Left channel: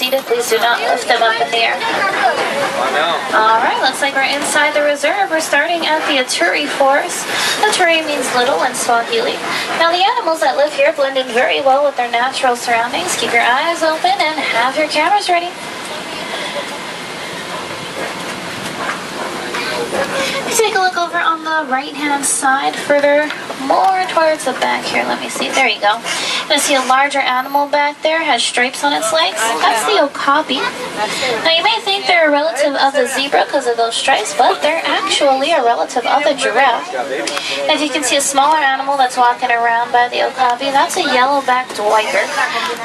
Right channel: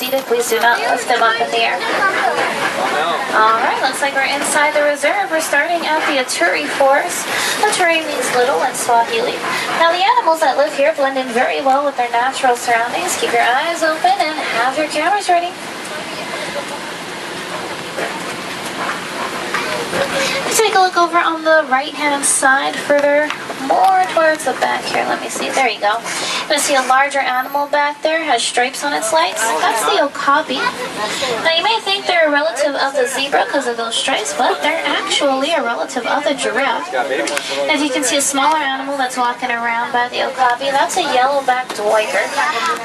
seated, please do not lift them up in the air. Alright, looks like we're inside the reserve. We're starting at the Aturi Forest. Aturi means little in Swahili. Now the animals that live here blend in very well with their natural surroundings. Keep your eyes open and have your cameras ready. Take a look over on the right hand side, further more towards the back here. Let me see, there you go. You're going to see a larger animal back there, has stripes on its legs. That's the okapi. Now you may think they're a relative of the zebra because of those stripes, but they're actually a relative of the giraffe. And if you can see a smaller animal that's walking around by the okapi, that's a yellow-backed duiker.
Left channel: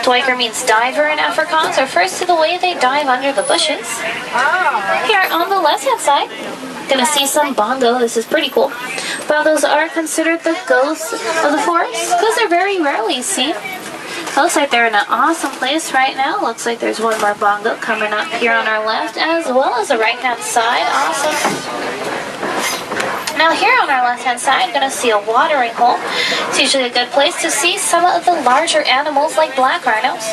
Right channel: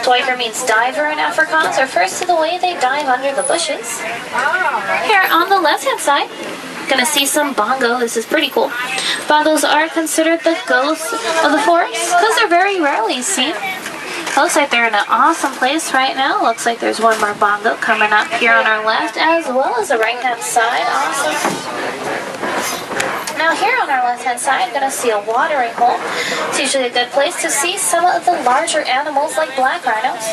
Duiker means diver in Afrikaans, refers to the way they dive under the bushes. Here on the left hand side, gonna see some bongo. This is pretty cool. Bongos are considered the ghosts of the forest because they're very rarely seen. Looks like they're in an awesome place right now. Looks like there's one more bongo coming up here on our left as well as the right hand side. Awesome. Now here on our left hand side, gonna see a watering hole. It's usually a good place to see some of the larger animals like black rhinos.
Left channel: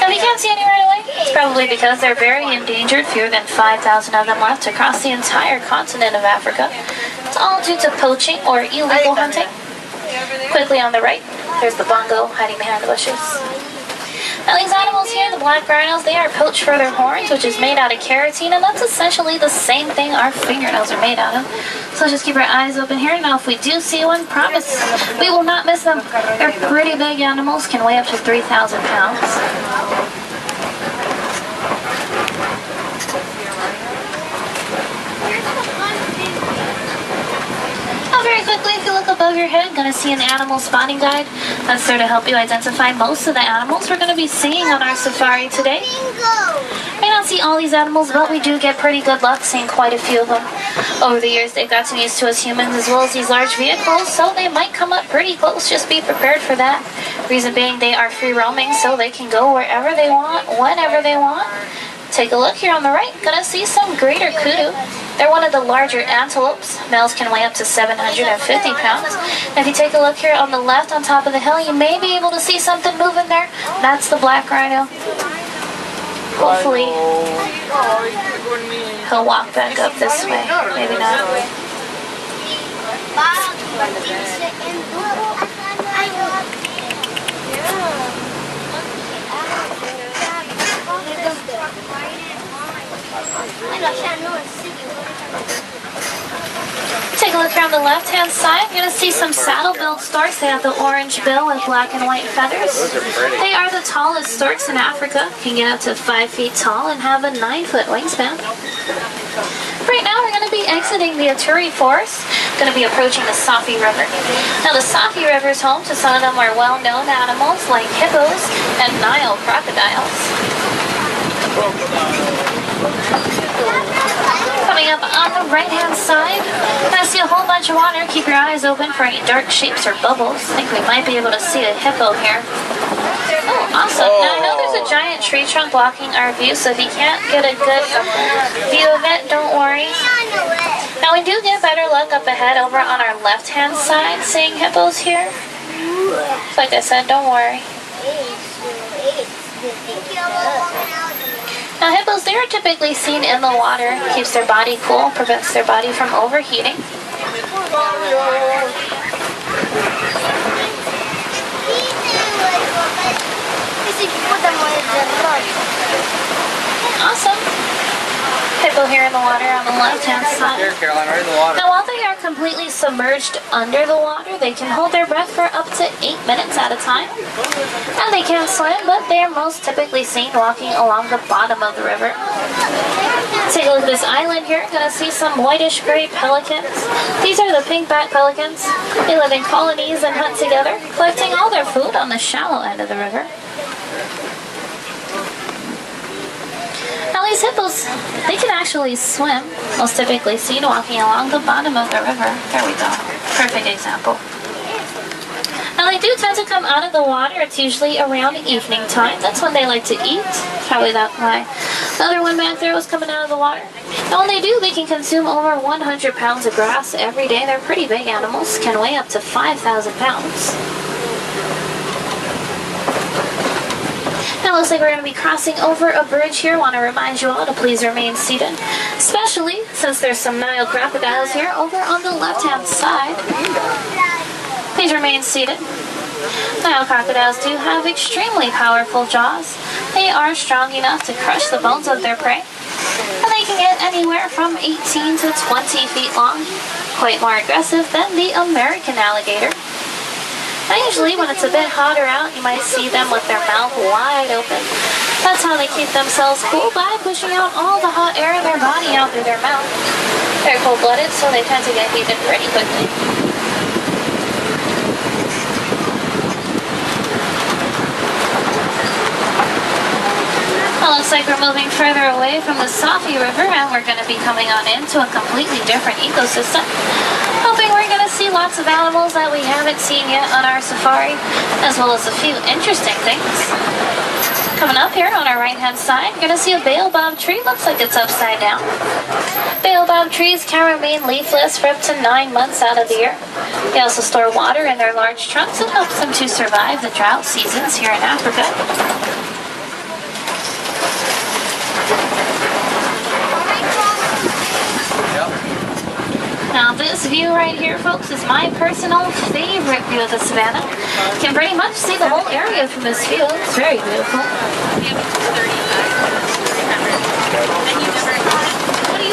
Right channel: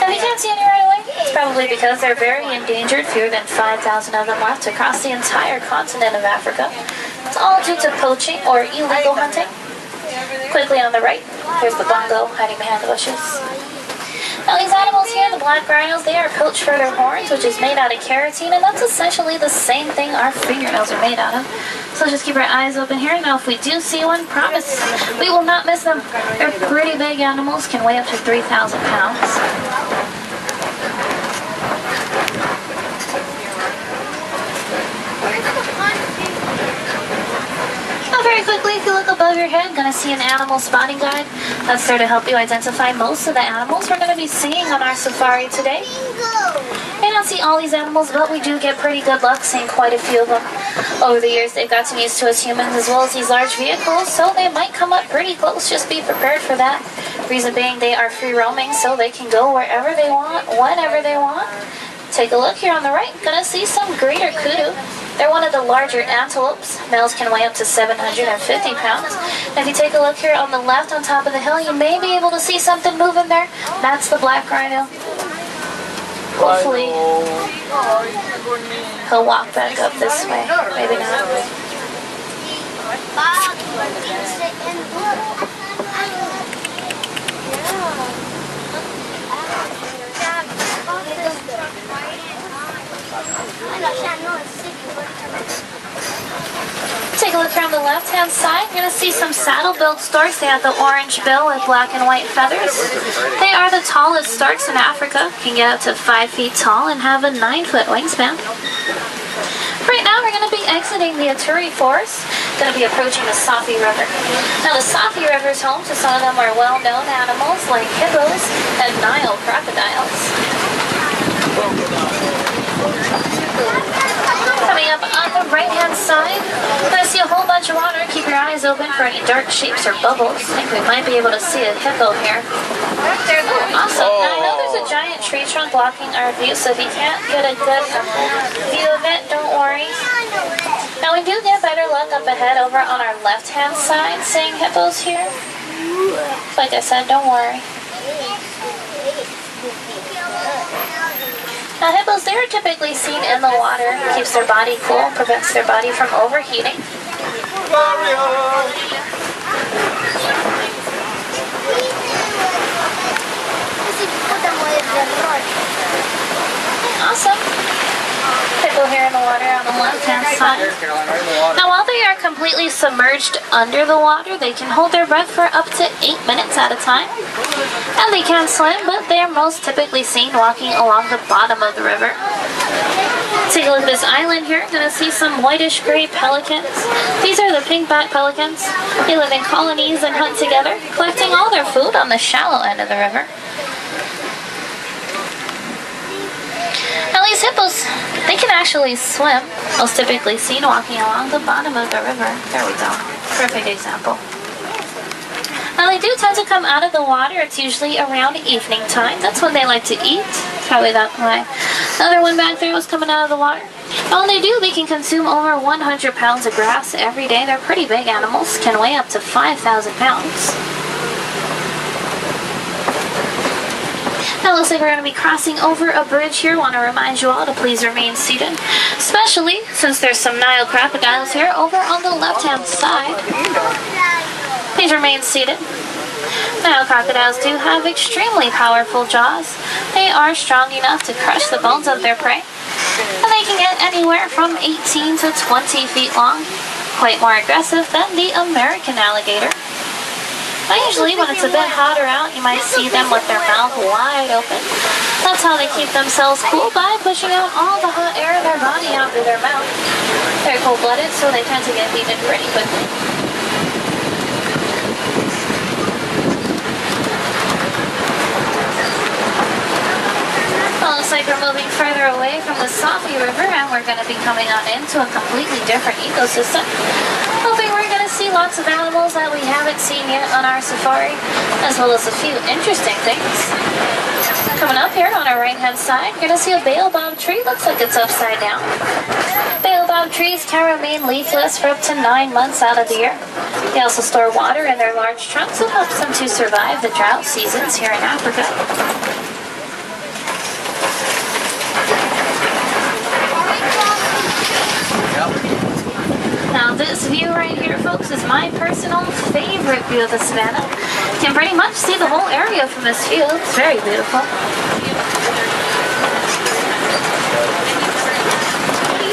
Now if you can't see any right away, it's probably because they're very endangered, fewer than 5,000 of them left across the entire continent of Africa. It's all due to poaching or illegal hunting. Quickly on the right, there's the bongo hiding behind the bushes. Now these animals here, the black rhinos, they are poached for their horns, which is made out of keratin, and that's essentially the same thing our fingernails are made out of. So just keep our eyes open here. Now if we do see one, promise we will not miss them. They're pretty big animals, can weigh up to 3,000 pounds. Very quickly, if you look above your head, gonna see an animal spotting guide. That's there to help you identify most of the animals we're gonna be seeing on our safari today. May not see all these animals, but we do get pretty good luck seeing quite a few of them. Over the years, they've gotten used to us humans as well as these large vehicles, so they might come up pretty close. Just be prepared for that. Reason being, they are free roaming, so they can go wherever they want, whenever they want. Take a look here on the right. Gonna see some greater kudu. They're one of the larger antelopes. Males can weigh up to 750 pounds. And if you take a look here on the left on top of the hill, you may be able to see something moving there. That's the black rhino. Hopefully, he'll walk back up this way. Maybe not. Take a look here on the left hand side. You're going to see some saddle-billed storks. They have the orange bill with black and white feathers. They are the tallest storks in Africa. Can get up to 5 feet tall and have a 9-foot wingspan. Right now we're going to be exiting the Aturi Forest. Going to be approaching the Sapi River. Now the Sapi River is home to some of the more well-known animals like hippos and Nile crocodiles. Coming up on the right-hand side, you're going to see a whole bunch of water. Keep your eyes open for any dark shapes or bubbles. I think we might be able to see a hippo here. Oh, awesome. Now I know there's a giant tree trunk blocking our view, so if you can't get a good view of it, don't worry. Now we do get better luck up ahead over on our left-hand side seeing hippos here. Like I said, don't worry. Now hippos, they are typically seen in the water. Keeps their body cool, prevents their body from overheating. Awesome. Hippo here in the water on the left-hand side. Now while they are completely submerged under the water, they can hold their breath for up to 8 minutes at a time. And they can swim, but they are most typically seen walking along the bottom of the river. Take a look at this island here. Gonna see some whitish gray pelicans. These are the pink-backed pelicans. They live in colonies and hunt together, collecting all their food on the shallow end of the river. Now these hippos, they can actually swim, most typically seen walking along the bottom of the river. There we go. Perfect example. Now they do tend to come out of the water. It's usually around evening time. That's when they like to eat. Probably that's why the other one back there was coming out of the water. And when they do, they can consume over 100 pounds of grass every day. They're pretty big animals, can weigh up to 5,000 pounds. Now looks like we're going to be crossing over a bridge here. Want to remind you all to please remain seated, especially since there's some Nile crocodiles here over on the left-hand side. Please remain seated. Nile crocodiles do have extremely powerful jaws. They are strong enough to crush the bones of their prey, and they can get anywhere from 18 to 20 feet long, quite more aggressive than the American alligator. Now usually when it's a bit hotter out, you might see them with their mouth wide open. That's how they keep themselves cool, by pushing out all the hot air in their body out through their mouth. They're cold-blooded, so they tend to get heated pretty quickly. Well, looks like we're moving further away from the Safi River, and we're going to be coming on into a completely different ecosystem. Hoping we're going to see lots of animals that we haven't seen yet on our safari, as well as a few interesting things. Coming up here on our right-hand side, you're going to see a baobab tree. Looks like it's upside down. Baobab trees can remain leafless for up to 9 months out of the year. They also store water in their large trunks. It helps them to survive the drought seasons here in Africa. Now this view right here, folks, is my personal favorite view of the savannah. You can pretty much see the whole area from this view. It's very beautiful.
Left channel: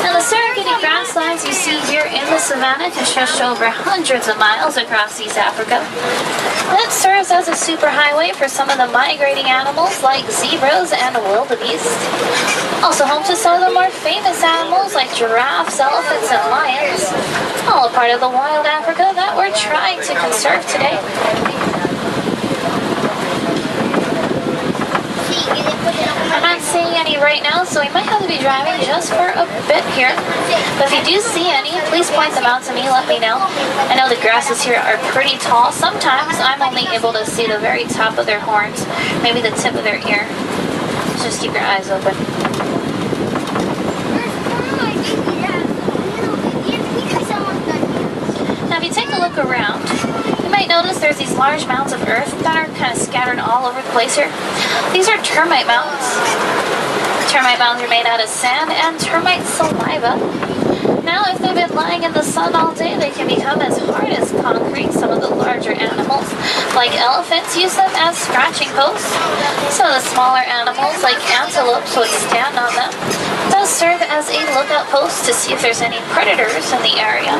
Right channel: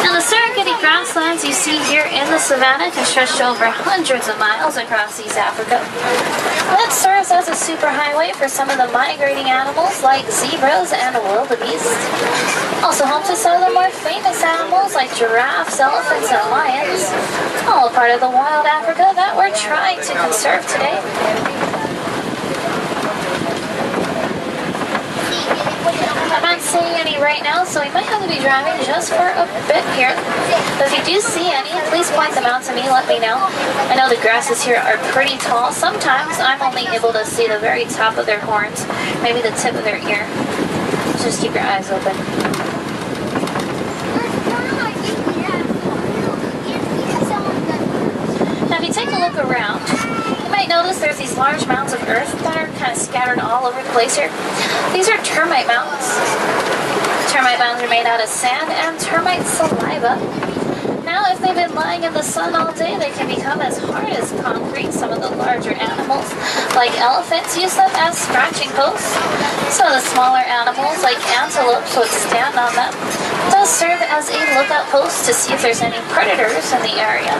Now the Serengeti grasslands you see here in the savannah can stretch to over hundreds of miles across East Africa. That serves as a superhighway for some of the migrating animals like zebras and wildebeest. Also home to some of the more famous animals like giraffes, elephants, and lions. All a part of the wild Africa that we're trying to conserve today. I'm not seeing any right now, so we might have to be driving just for a bit here. But if you do see any, please point them out to me, let me know. I know the grasses here are pretty tall. Sometimes I'm only able to see the very top of their horns, maybe the tip of their ear. So just keep your eyes open. Now if you take a look around, you might notice there's these large mounds of earth that are kind of scattered all over the place here. These are termite mounds. Termite mounds are made out of sand and termite saliva. Now if they've been lying in the sun all day, they can become as hard as concrete. Some of the larger animals, like elephants, use them as scratching posts. Some of the smaller animals, like antelopes, would stand on them. It does serve as a lookout post to see if there's any predators in the area.